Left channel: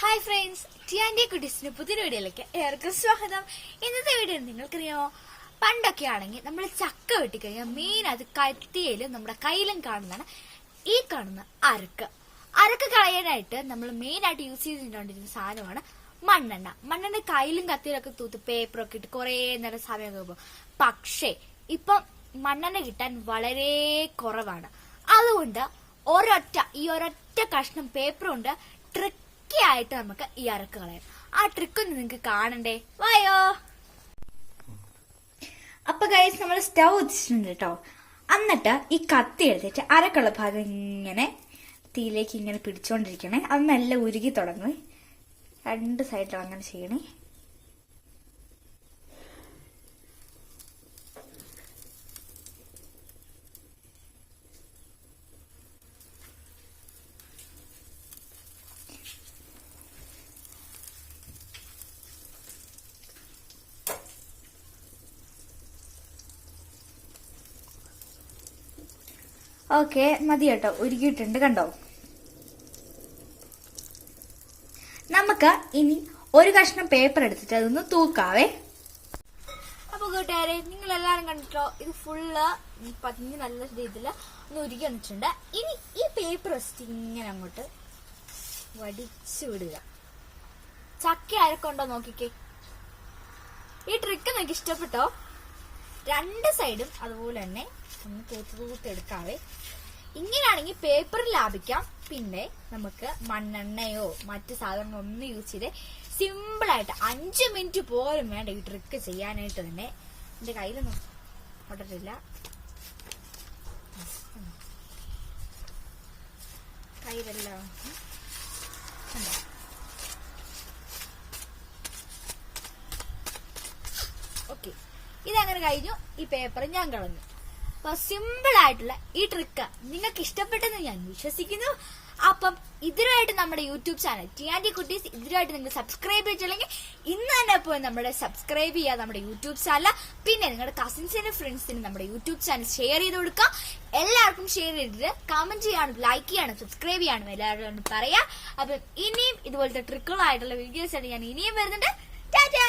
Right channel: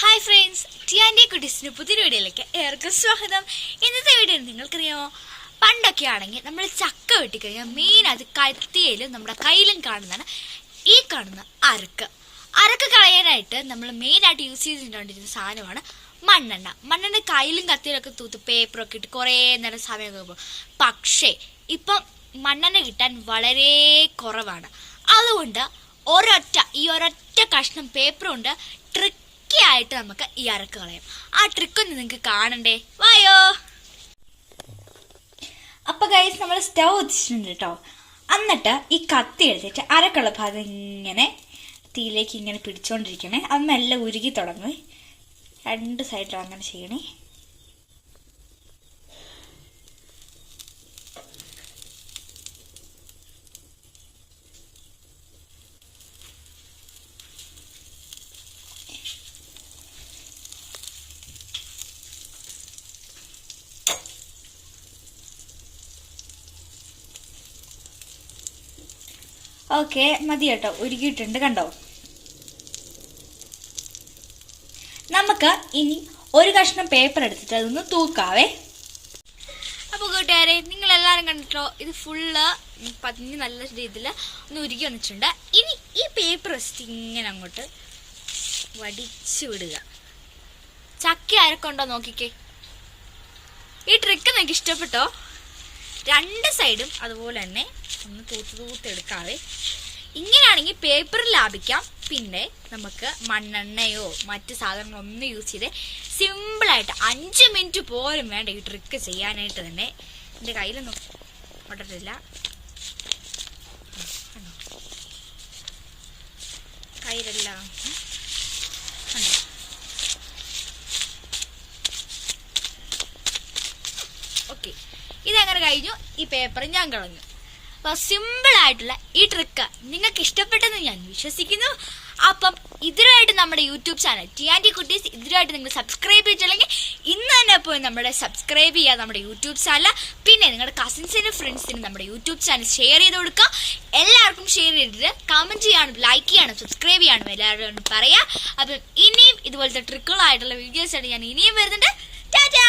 Hi friends ടിയാന്റെ കുട്ടീസിന് പുതിയൊരു വീഡിയോയിലേക്ക് ഏവർക്കും സ്വാഗതം. ഇന്നത്തെ വീഡിയോ നിങ്ങൾക്കറിയാമോ? പണ്ടൊക്കെ ആണെങ്കിൽ നമ്മൾ ചക്ക വെട്ടിക്കഴിഞ്ഞാൽ മെയിൻ അത് കത്തിയിലും നമ്മുടെ കയ്യിലും കാണുന്നതാണ് ഈ കാണുന്ന അരക്ക്. അരക്ക് കളയാനായിട്ട് നമ്മൾ മെയിനായിട്ട് യൂസ് ചെയ്തിട്ടുണ്ടിരുന്ന സാധനമാണ് മണ്ണെണ്ണ. മണ്ണെണ്ണ കയ്യിലും കത്തിയിലൊക്കെ തൂത്ത് പേപ്പറൊക്കെ ഇട്ട് കുറേ നേരം സമയമൊക്കെ പോകും പക്ഷേ ഇപ്പം മണ്ണെണ്ണ കിട്ടാൻ വളരെ കുറവാണ്. അതുകൊണ്ട് ഒരൊറ്റ ഈ ഒരൊറ്റ കഷ്ണം പേപ്പർ കൊണ്ട് ട്രിക്കി ആയിട്ട് നമുക്ക് ഈ അരക്ക് കളയാം. ആ ട്രിക്ക് ഒന്ന് നിങ്ങൾക്ക് കാണണ്ടേ? വായോ? അപ്പൊ ഗൈസ് നമ്മൾ സ്റ്റൗ വെച്ചിട്ടുണ്ട് കേട്ടോ എന്നിട്ട് ഈ കത്തി എടുത്തിട്ട് അരക്കുള്ള ഭാഗം ഇങ്ങനെ തീയിലേക്ക് ഇങ്ങനെ പിടിച്ചോണ്ടിരിക്കണേ. അത് മെല്ലെ ഉരുകി തുടങ്ങി രണ്ട് സൈഡിലും അങ്ങനെ ചെയ്യണേ. ഓക്കെ മതി കേട്ടോ. ഉരുകിയിട്ടുണ്ട് കണ്ടോ? നമുക്ക് ഇനി ഒരു കഷ്ണം പേപ്പർ എടുത്തിട്ട് അതൊന്ന് തൂക്കാവേ. അപ്പോൾ കൂട്ടുകാരെ നിങ്ങൾ എല്ലാവരും കണ്ടിട്ടോ? ഇത് ഫുള്ള് പതിഞ്ഞ് നല്ല രീതിയിൽ ഒന്ന് ഉരുകി വന്നിട്ടുണ്ട്. ഇനി ഈ പേപ്പർ വെച്ചിട്ട് ഇങ്ങനെ അങ്ങോട്ട് വടിച്ചു വിടുക. ചക്ക ആരൊക്കെ നോക്കിക്കേ. ഈ ട്രിക്ക് നിങ്ങൾക്ക് ഇഷ്ടപ്പെട്ടോ? രണ്ട് സൈഡും അതുപോലെ തന്നെ ഒന്ന് തൂത്ത് എടുക്കാതെ ഇങ്ങനെയാണെങ്കിൽ പേപ്പറിൽ ലാഭിക്കാം പിന്നെ നമുക്ക് മണ്ണെണ്ണയോ മറ്റ് സാധനങ്ങളോ ഒന്നും യൂസ് ചെയ്ത് സിമ്പിളായിട്ട് അഞ്ച് മിനിറ്റ് പോലും വേണ്ട ഈ ട്രിക്ക് ചെയ്യാനായിട്ട് തന്നെ എന്റെ കയ്യിലൊന്നും ഒട്ടിട്ടില്ല കയ്യിലെല്ലാം ഓക്കെ ഇതങ്ങനെ കഴിഞ്ഞു ഈ പേപ്പർ ഞാൻ കളഞ്ഞു സിമ്പിൾ ആയിട്ടുള്ള ഈ ട്രിക്ക് നിങ്ങൾക്ക് ഇഷ്ടപ്പെട്ടെന്ന് ഞാൻ വിശ്വസിക്കുന്നു. അപ്പം ഇതിനായിട്ട് നമ്മുടെ യൂട്യൂബ് ചാനൽ ടി ആൻഡി കുട്ടീസ് ഇതിനായിട്ട് നിങ്ങൾ സബ്സ്ക്രൈബ് ചെയ്തിട്ടില്ലെങ്കിൽ ഇന്ന് തന്നെ പോയി നമ്മുടെ സബ്സ്ക്രൈബ് ചെയ്യുക നമ്മുടെ യൂട്യൂബ് ചാനൽ. പിന്നെ നിങ്ങളുടെ കസിൻസിനും ഫ്രണ്ട്സിനും നമ്മുടെ യൂട്യൂബ് ചാനൽ ഷെയർ ചെയ്ത് കൊടുക്കുക. എല്ലാവർക്കും ഷെയർ ചെയ്തിട്ട് കമന്റ് ചെയ്യാനും ലൈക്ക് ചെയ്യാനും സബ്സ്ക്രൈബ് ചെയ്യാനും എല്ലാവരോടും പറയാം. അപ്പം ഇനിയും ഇതുപോലത്തെ ട്രിക്കുകളായിട്ടുള്ള വീഡിയോസ് ആയിട്ട് ഞാൻ ഇനിയും വരുന്നുണ്ട്. ടാറ്റാ